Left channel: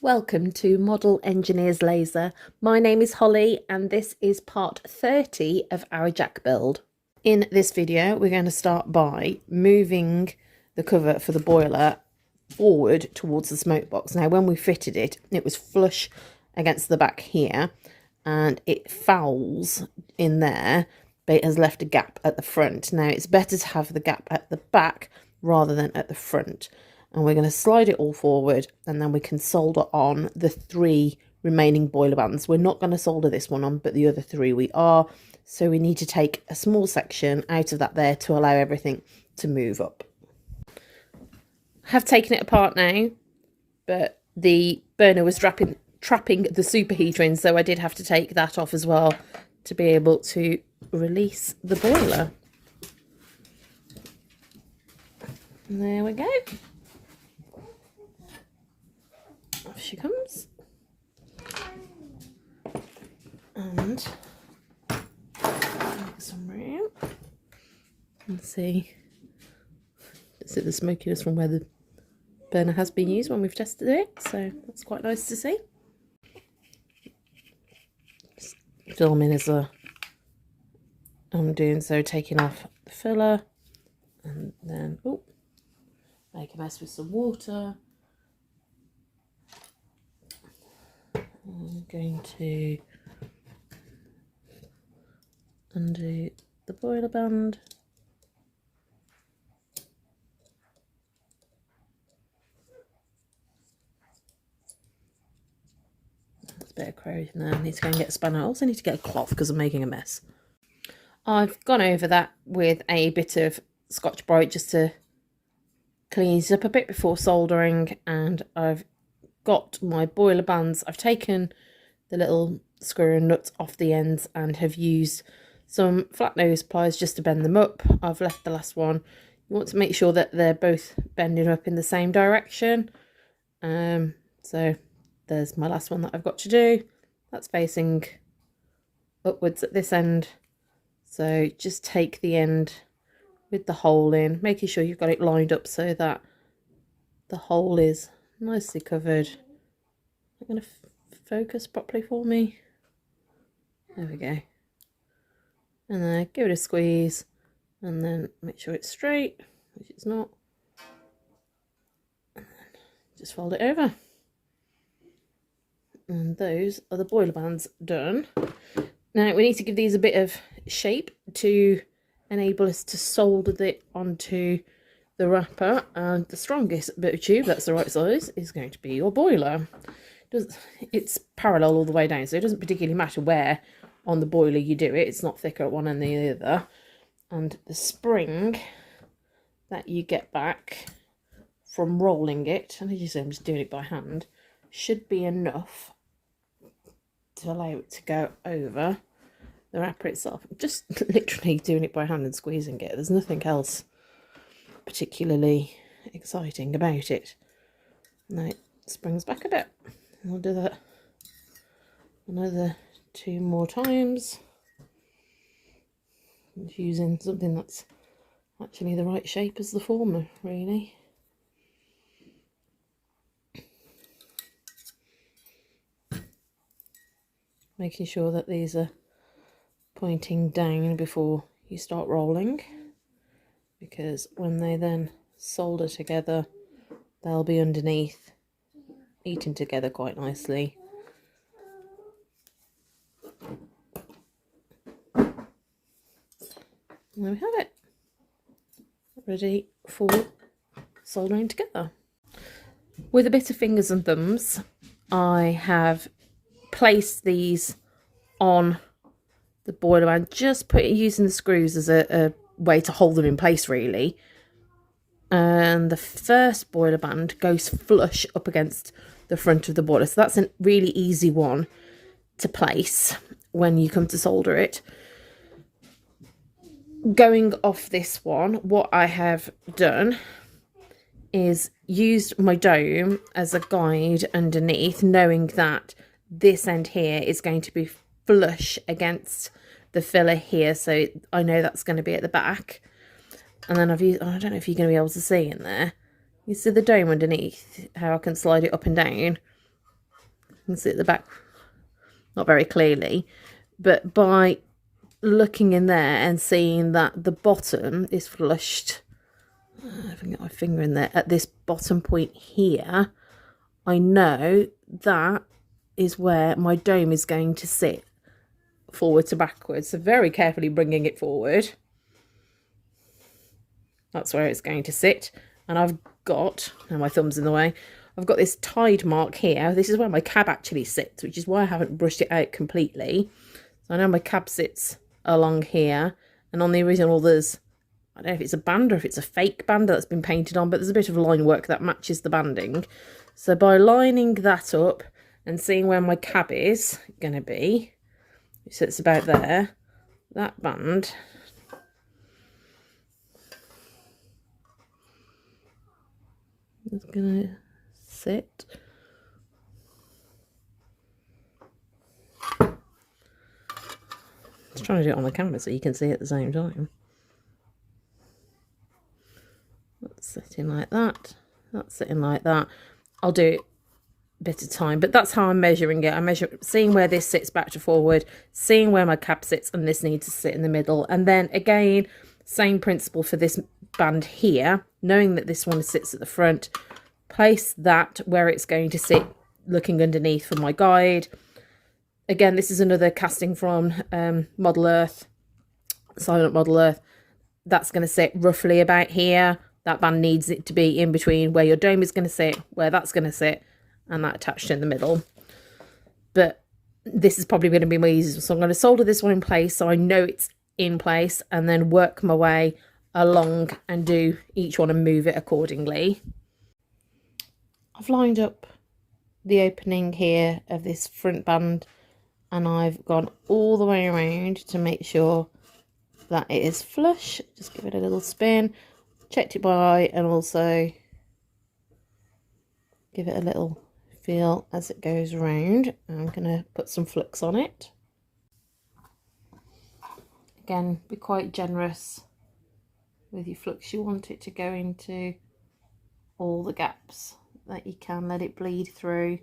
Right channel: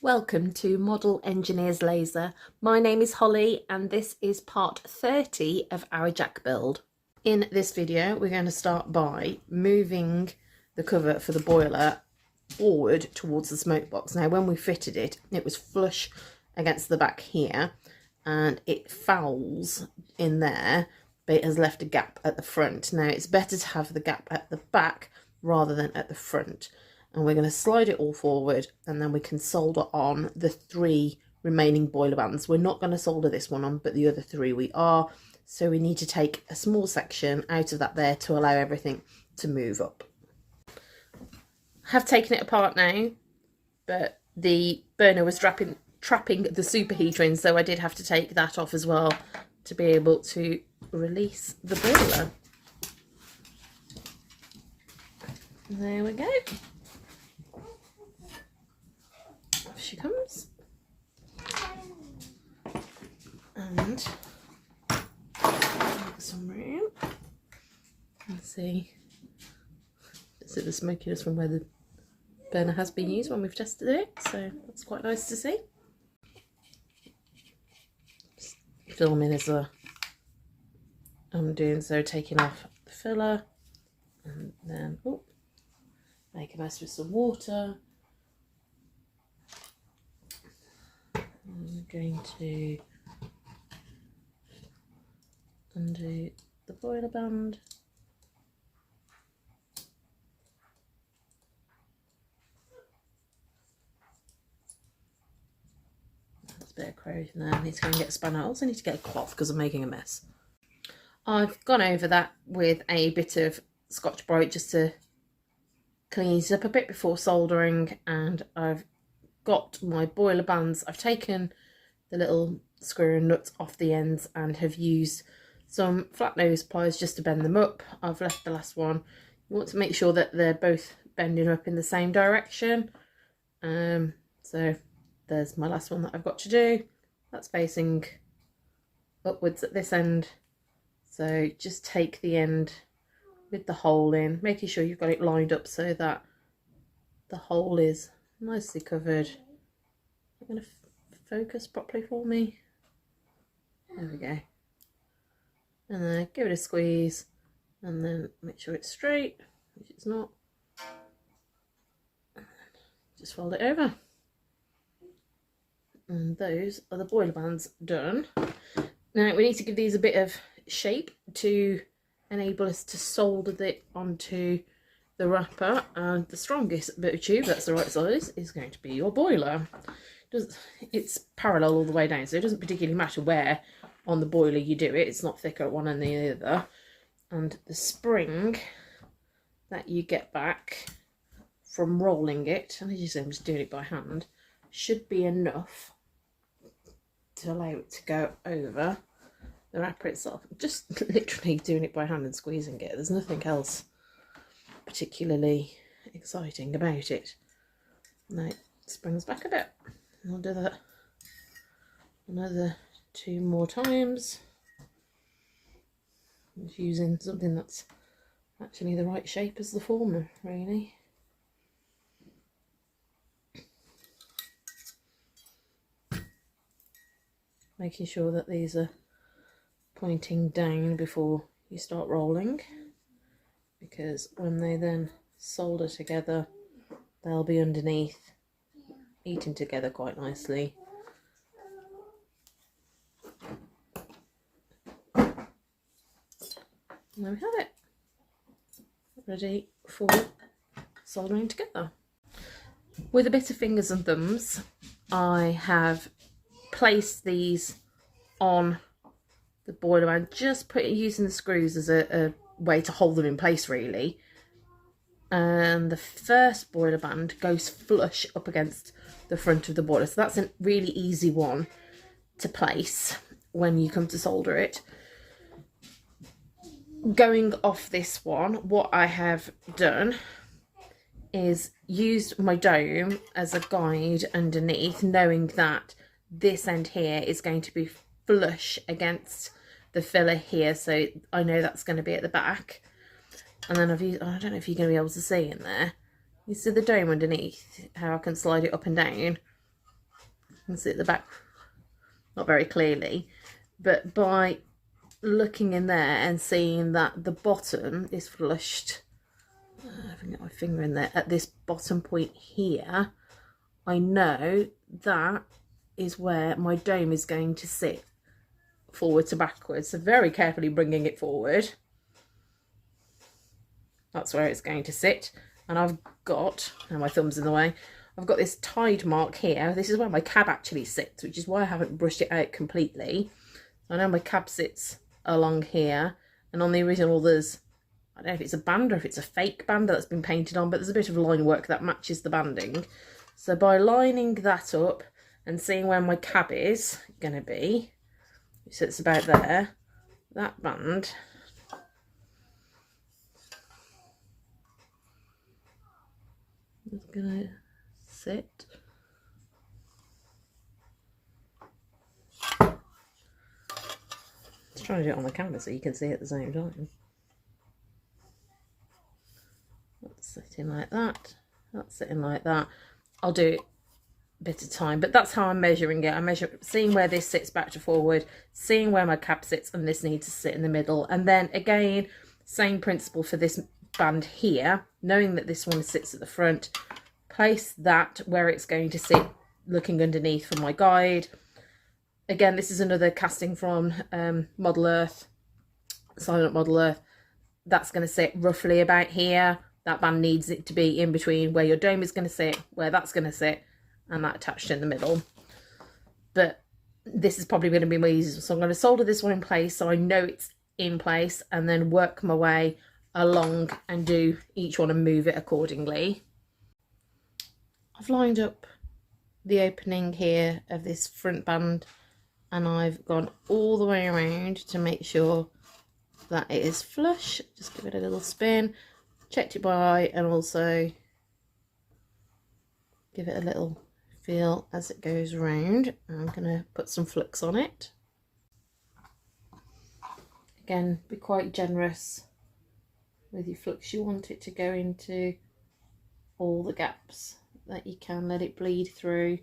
Welcome to Model Engineers Laser. My name is Holly and this is part 30 of our jack build. In this video we're going to start by moving the cover for the boiler forward towards the smoke box. Now when we fitted it, it was flush against the back here and it fouls in there, but it has left a gap at the front. Now it's better to have the gap at the back rather than at the front. And we're going to slide it all forward and then we can solder on the 3 remaining boiler bands. We're not going to solder this one on, but the other 3 we are. So we need to take a small section out of that there to allow everything to move up. I have taken it apart now, but the burner was trapping the superheater in, so I did have to take that off as well to be able to release the boiler. And there we go. Off she comes. And make some room. Let's see the smokiness from where the burner has been used when we've tested it, so that's quite nice to see. Just filming as I'm doing so, taking off the filler, and then make a mess with some water. I'm going to undo the boiler band. There's a bit of corrosion there. I need to go and get a spanner. I also need to get a cloth because I'm making a mess. I've gone over that with a bit of Scotch-Brite just to clean it up a bit before soldering, and I've got my boiler bands. I've taken the little screw and nuts off the ends and have used some flat nose pliers just to bend them up. I've left the last one. You want to make sure that they're both bending up in the same direction. So there's my last one that I've got to do. That's facing upwards at this end. So just take the end with the hole in, making sure you've got it lined up so that the hole is nicely covered. I'm going to focus properly for me. There we go. And then give it a squeeze and then make sure it's straight, which it's not. Just fold it over. And those are the boiler bands done. Now we need to give these a bit of shape to enable us to solder it onto the wrapper, and the strongest bit of tube that's the right size is going to be your boiler. It's parallel all the way down, so it doesn't particularly matter where on the boiler you do it. It's not thicker at one than the other. And the spring that you get back from rolling it, and as you see I'm just doing it by hand, should be enough to allow it to go over the wrapper itself. I'm just literally doing it by hand and squeezing it. There's nothing else particularly exciting about it. Now it springs back a bit. I'll do that another 2 more times. I'm using something that's actually the right shape as the former, really. Making sure that these are pointing down before you start rolling, because when they then solder together they'll be underneath, eating together quite nicely. And there we have it, ready for soldering together. With a bit of fingers and thumbs I have placed these on the boiler band, just using the screws as a way to hold them in place really. And the first boiler band goes flush up against the front of the boiler, so that's a really easy one to place when you come to solder it. Going off this one, what I have done is used my dome as a guide underneath, knowing that this end here is going to be flush against the filler here, so I know that's going to be at the back. And then I've used, I don't know if you're going to be able to see in there, you see the dome underneath, how I can slide it up and down. can see at the back, not very clearly, but by looking in there and seeing that the bottom is flushed, I can get my finger in there, at this bottom point here, I know that is where my dome is going to sit, forward to backwards. So very carefully bringing it forward, that's where it's going to sit. And I've got, now my thumb's in the way, I've got this tide mark here. This is where my cab actually sits, which is why I haven't brushed it out completely. So I know my cab sits along here, and on the original there's, I don't know if it's a band or if it's a fake band that's been painted on, but there's a bit of line work that matches the banding. So by lining that up and seeing where my cab is going to be, it sits about there, that band is going to sit. I was trying to do it on the camera so you can see at the same time. That's sitting like that. That's sitting like that. I'll do it a bit of time, but that's how I'm measuring it. I measure, seeing where this sits back to forward, seeing where my cab sits, and this needs to sit in the middle. And then again, same principle for this band here, knowing that this one sits at the front, place that where it's going to sit, looking underneath for my guide. Again, this is another casting from Model Earth, Silent Model Earth. That's going to sit roughly about here. That band needs it to be in between where your dome is going to sit, where that's going to sit, and that attached in the middle. But this is probably going to be my easiest. So I'm going to solder this one in place so I know it's in place, and then work my way along and do each one and move it accordingly. I've lined up the opening here of this front band, and I've gone all the way around to make sure that it is flush. Just give it a little spin, checked it by eye, and also give it a little feel as it goes around. I'm going to put some flux on it. Again, be quite generous with your flux. You want it to go into all the gaps that you can, let it bleed through.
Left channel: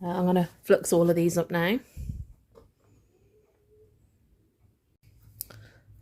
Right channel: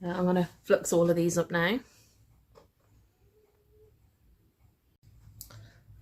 I'm going to flux all of these up now.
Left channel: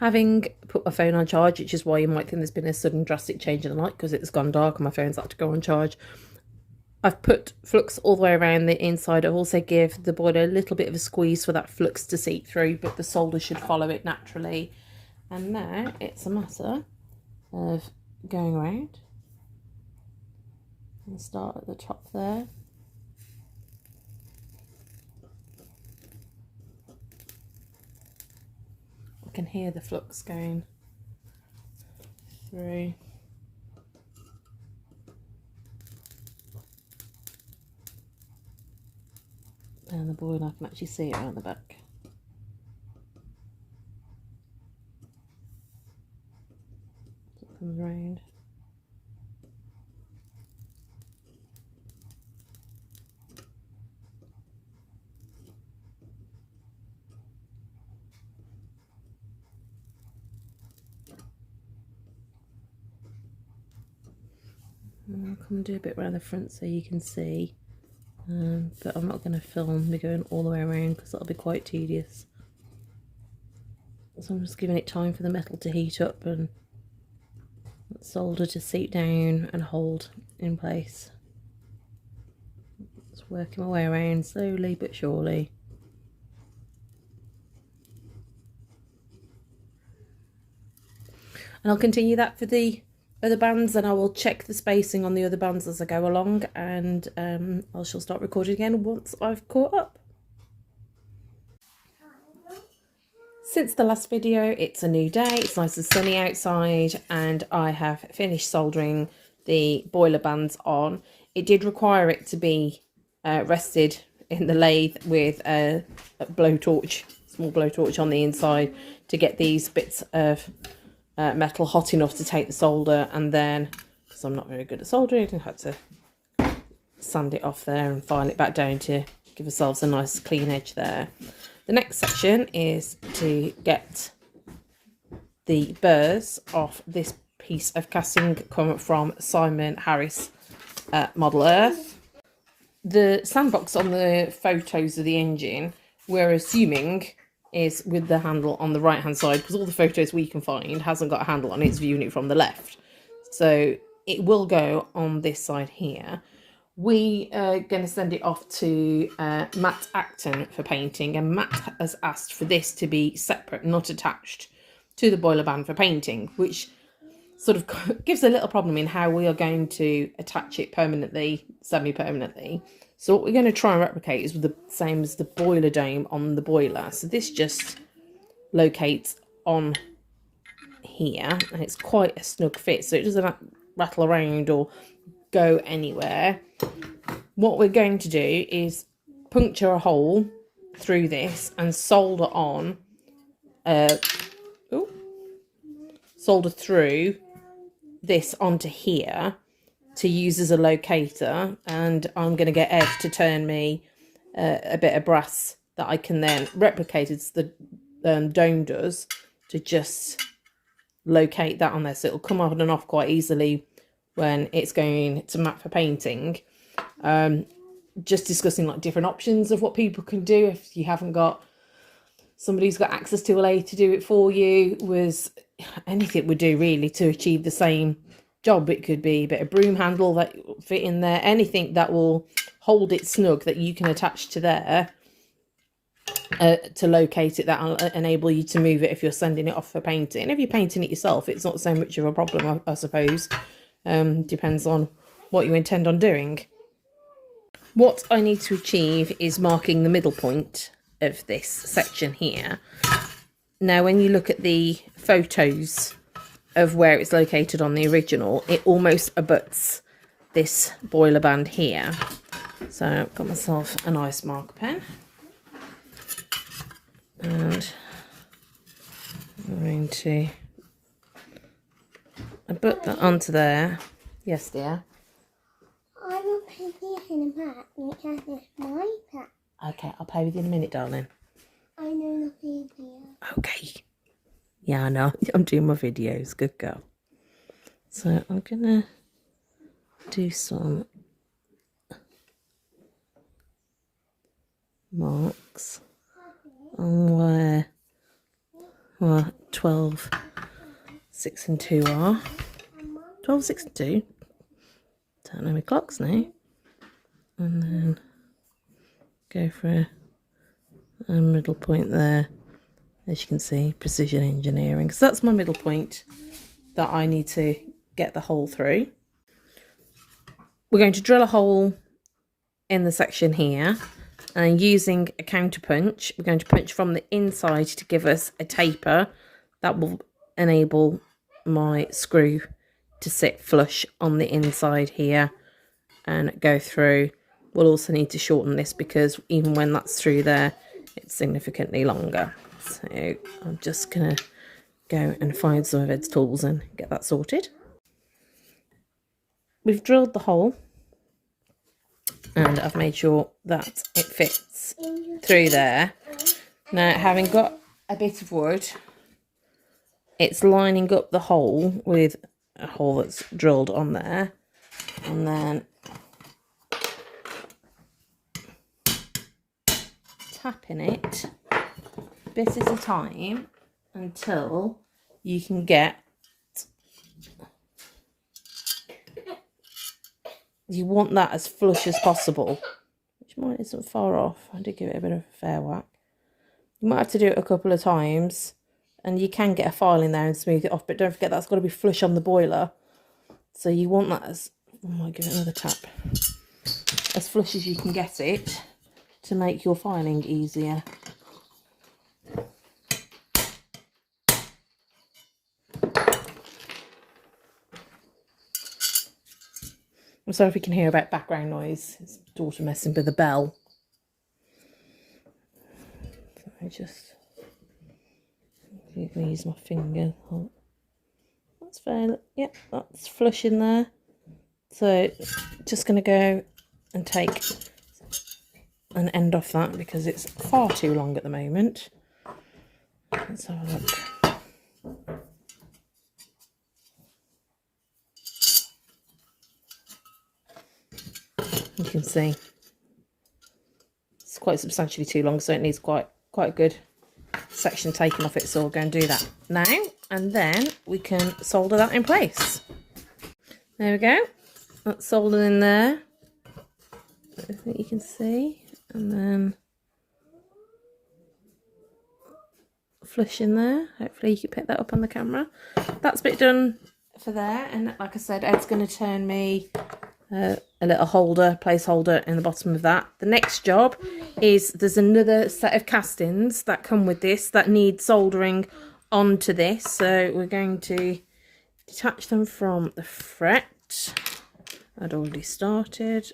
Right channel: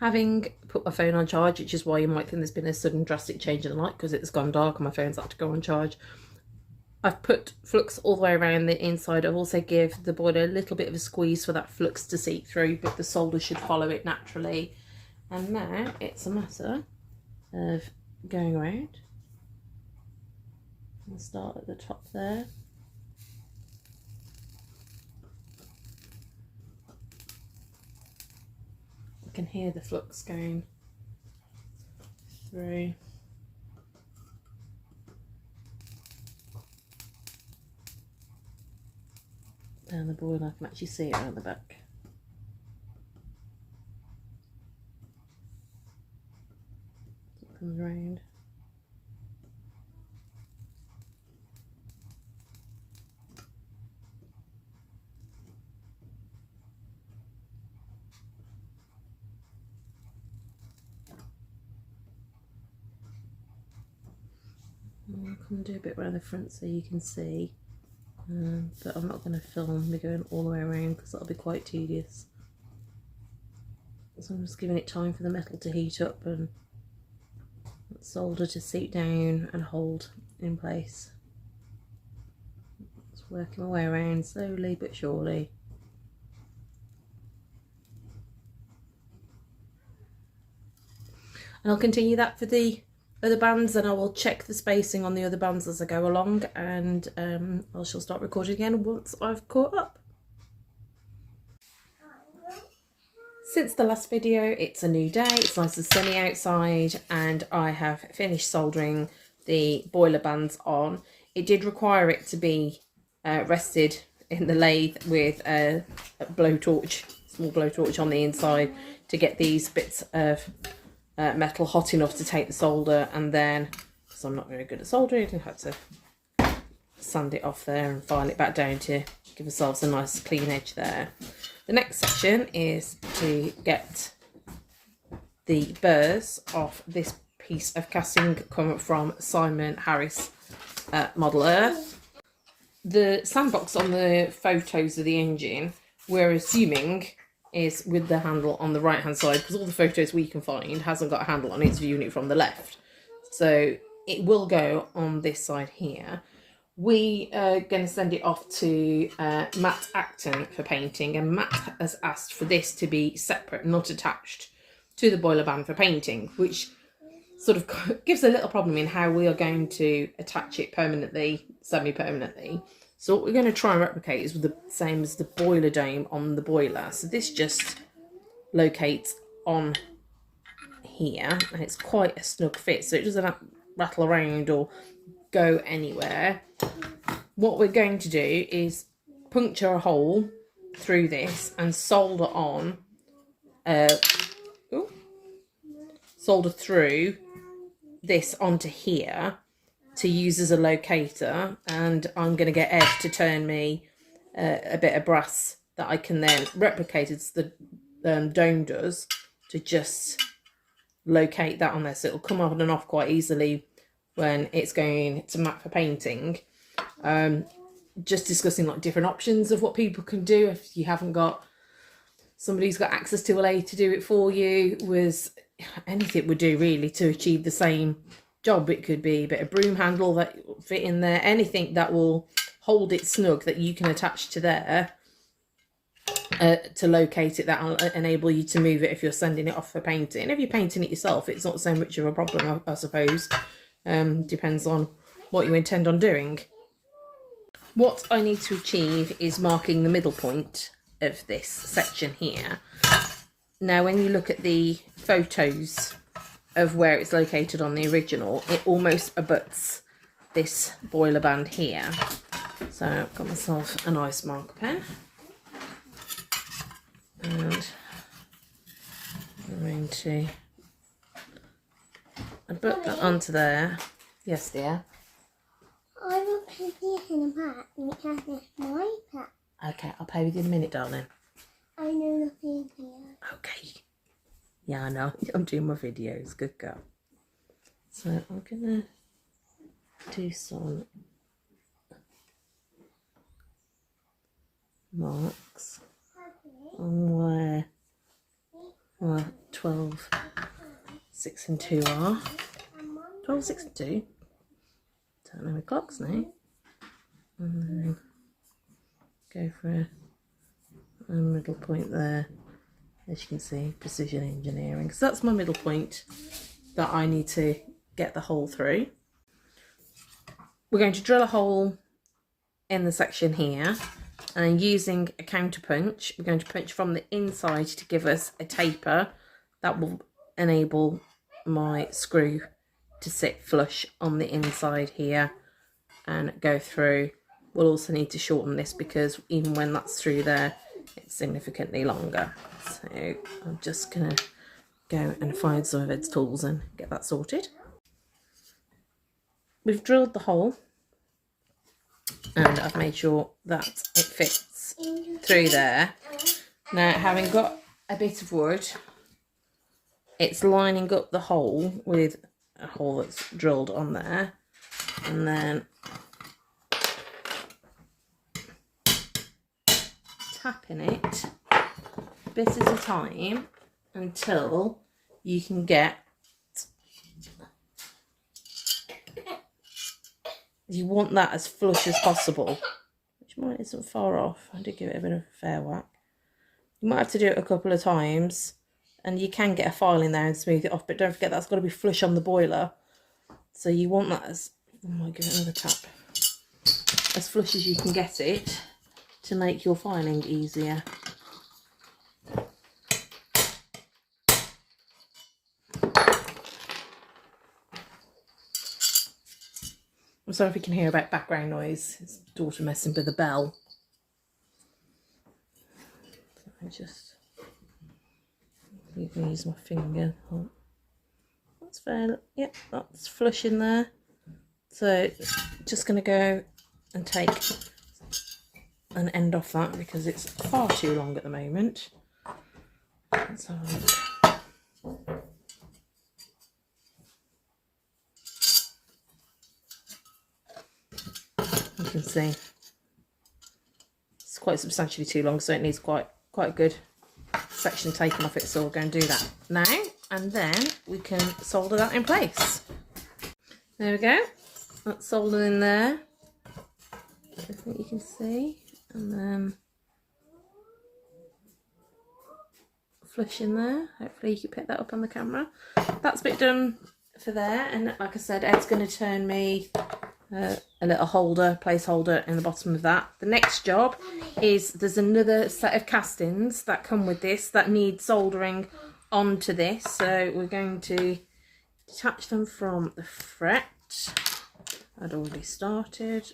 Having put my phone on charge, which is why you might think there's been a sudden drastic change in the light because it's gone dark and my phone's had to go on charge. I've put flux all the way around the inside. I've also give the boiler a little bit of a squeeze for that flux to seep through, but the solder should follow it naturally. And now it's a matter of going around. I'll start at the top there. I can hear the flux going through. Down the boiler, I can actually see it around the back. So it comes round. I'll come and do a bit around the front so you can see, but I'm not going to film me going all the way around because that'll be quite tedious. So I'm just giving it time for the metal to heat up and solder to seep down and hold in place. Just working my way around slowly but surely. And I'll continue that for the other bands, and I will check the spacing on the other bands as I go along, and I shall start recording again once I've caught up. Since the last video, it's a new day, it's nice and sunny outside, and I have finished soldering the boiler bands on. It did require it to be rested in the lathe with a blowtorch, small blowtorch on the inside, to get these bits of metal hot enough to take the solder, and then, because I'm not very good at soldering, I had to sand it off there and file it back down to give ourselves a nice clean edge there. The next section is to get the burrs off this piece of casting come from Simon Harris Model Earth. The sandbox on the photos of the engine, we're assuming, is with the handle on the right hand side, because all the photos we can find hasn't got a handle on it, it's viewing it from the left. So it will go on this side here. We are going to send it off to Matt Acton for painting, and Matt has asked for this to be separate, not attached to the boiler band for painting, which sort of gives a little problem in how we are going to attach it permanently, semi-permanently. So what we're going to try and replicate is the same as the boiler dome on the boiler. So this just locates on here, and it's quite a snug fit, so it doesn't rattle around or go anywhere. What we're going to do is puncture a hole through this and solder on, solder through this onto here to use as a locator, and I'm going to get Ed to turn me a bit of brass that I can then replicate as the dome does, to just locate that on there, so it'll come on and off quite easily when it's going to Matt for painting. Just discussing like different options of what people can do if you haven't got somebody's got access to a lathe to do it for you. Was anything would do really to achieve the same job. It could be a bit of broom handle that will fit in there, anything that will hold it snug that you can attach to there to locate it, that will enable you to move it if you're sending it off for painting. If you're painting it yourself, it's not so much of a problem, I suppose. Depends on what you intend on doing. What I need to achieve is marking the middle point of this section here. Now, when you look at the photos of where it's located on the original, it almost abuts this boiler band here. So I've got myself a nice marker pen, and I'm going to abut that onto there. Yes, dear. I will pay for in a minute because it's my pet. Okay, I'll pay with you in a minute, darling. I know nothing here. Okay. Yeah, I know. I'm doing my videos. Good girl. So I'm gonna do some marks on where 12, 6 and 2 are. 12, 6 and 2. Don't know my clocks now. And then go for a middle point there. As you can see, precision engineering. So that's my middle point that I need to get the hole through. We're going to drill a hole in the section here, and using a counter punch, we're going to punch from the inside to give us a taper that will enable my screw to sit flush on the inside here and go through. We'll also need to shorten this because even when that's through there, it's significantly longer. So I'm just going to go and find some of Ed's tools and get that sorted. We've drilled the hole, and I've made sure that it fits through there. Now, having got a bit of wood, it's lining up the hole with a hole that's drilled on there, and then tapping it a bit at a time until you can get, you want that as flush as possible, which mine isn't far off. I did give it a bit of a fair whack. You might have to do it a couple of times, and you can get a file in there and smooth it off, but don't forget that's got to be flush on the boiler. So you want that as, oh my, give it another tap, as flush as you can get it to make your filing easier. I'm sorry if you can hear about background noise. It's daughter messing with the bell. So I just use my finger. Oh, that's fair. Yep, that's flush in there. So just going to go and take an end off that because it's far too long at the moment. Let's have a look. You can see it's quite substantially too long, so it needs quite a good section taken off it. So we'll go and do that now, and then we can solder that in place. There we go. That's soldered in there. I think you can see, and then flush in there. Hopefully you can pick that up on the camera. That's a bit done for there, and like I said, Ed's going to turn me a little holder, placeholder in the bottom of that. The next job is there's another set of castings that come with this that need soldering onto this, so we're going to detach them from the fret. I'd already started.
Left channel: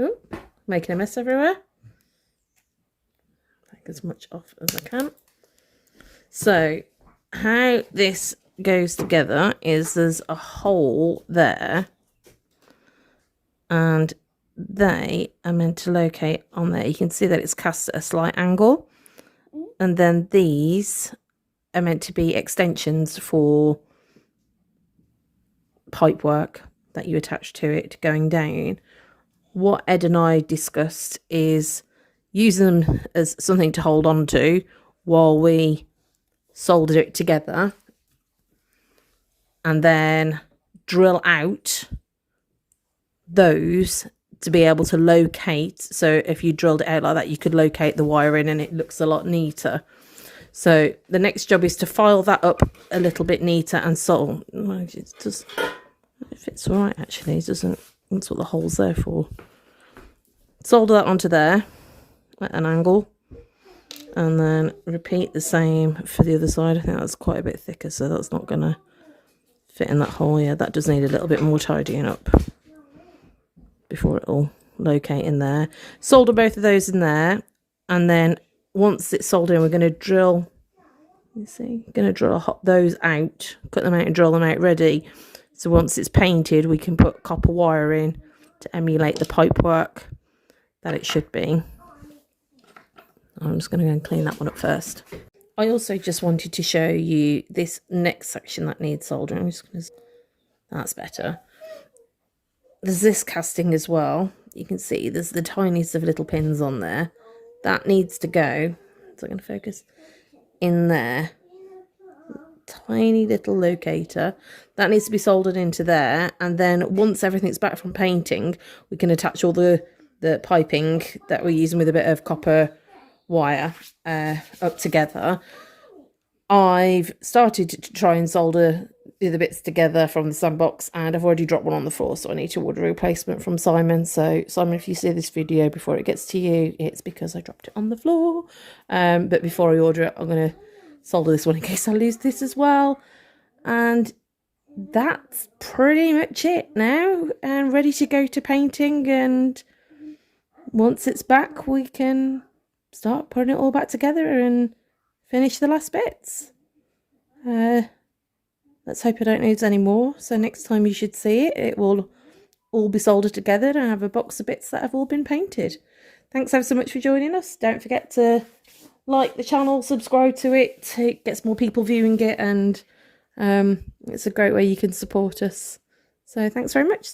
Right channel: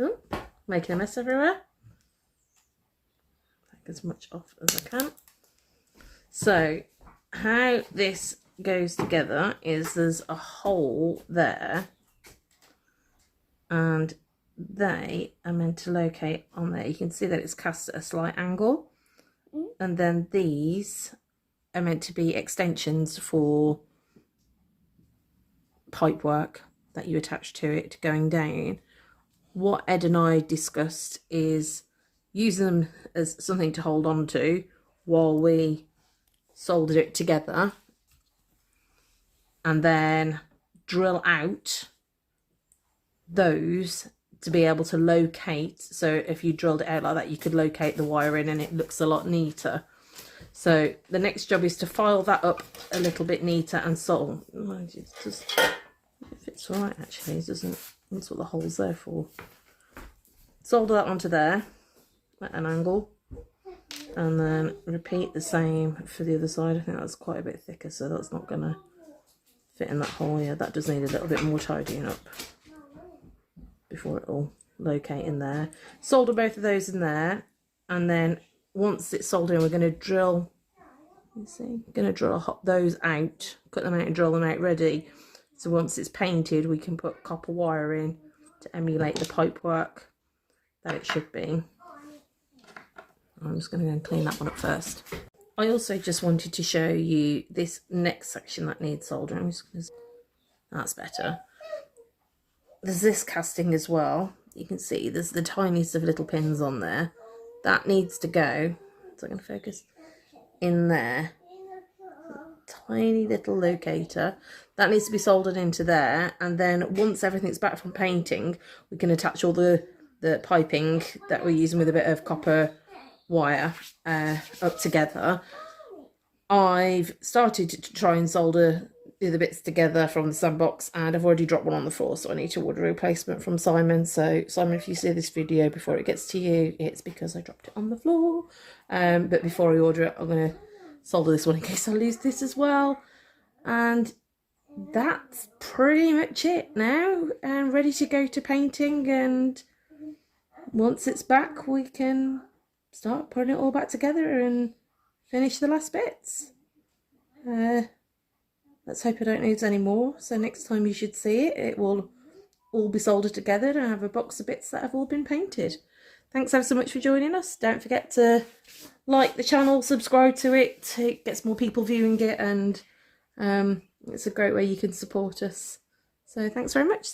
Ooh, making a mess everywhere. Take as much off as I can. So how this goes together is there's a hole there, and they are meant to locate on there. You can see that it's cast at a slight angle, and then these are meant to be extensions for pipe work that you attach to it going down. What Ed and I discussed is using them as something to hold on to while we solder it together, and then drill out those to be able to locate. So if you drilled it out like that, you could locate the wiring and it looks a lot neater. So the next job is to file that up a little bit neater and solder. It fits all right actually, doesn't? That's what the hole's there for. Solder that onto there at an angle, and then repeat the same for the other side. I think that's quite a bit thicker, so that's not going to fit in that hole. Yeah, that does need a little bit more tidying up before it'll locate in there. Solder both of those in there, and then once it's soldered in, we're going to drill, you see, going to drill those out, cut them out and drill them out ready. So once it's painted, we can put copper wire in to emulate the pipe work that it should be. I'm just going to go and clean that one up first. I also just wanted to show you this next section that needs soldering. That's better. There's this casting as well. You can see there's the tiniest of little pins on there. That needs to go. So I'm going to focus in there. Tiny little locator. That needs to be soldered into there. And then once everything's back from painting, we can attach all the piping that we're using with a bit of copper wire up together. I've started to try and solder the other bits together from the sandbox, and I've already dropped one on the floor, so I need to order a replacement from Simon. So Simon, if you see this video before it gets to you, it's because I dropped it on the floor. But before I order it, I'm going to solder this one in case I lose this as well. And that's pretty much it now, and ready to go to painting. And once it's back, we can start putting it all back together and finish the last bits. Let's hope I don't lose any more. So next time you should see it, it will all be soldered together and have a box of bits that have all been painted. Thanks ever so much for joining us. Don't forget to like the channel, subscribe to it. It gets more people viewing it, and it's a great way you can support us. So thanks very much.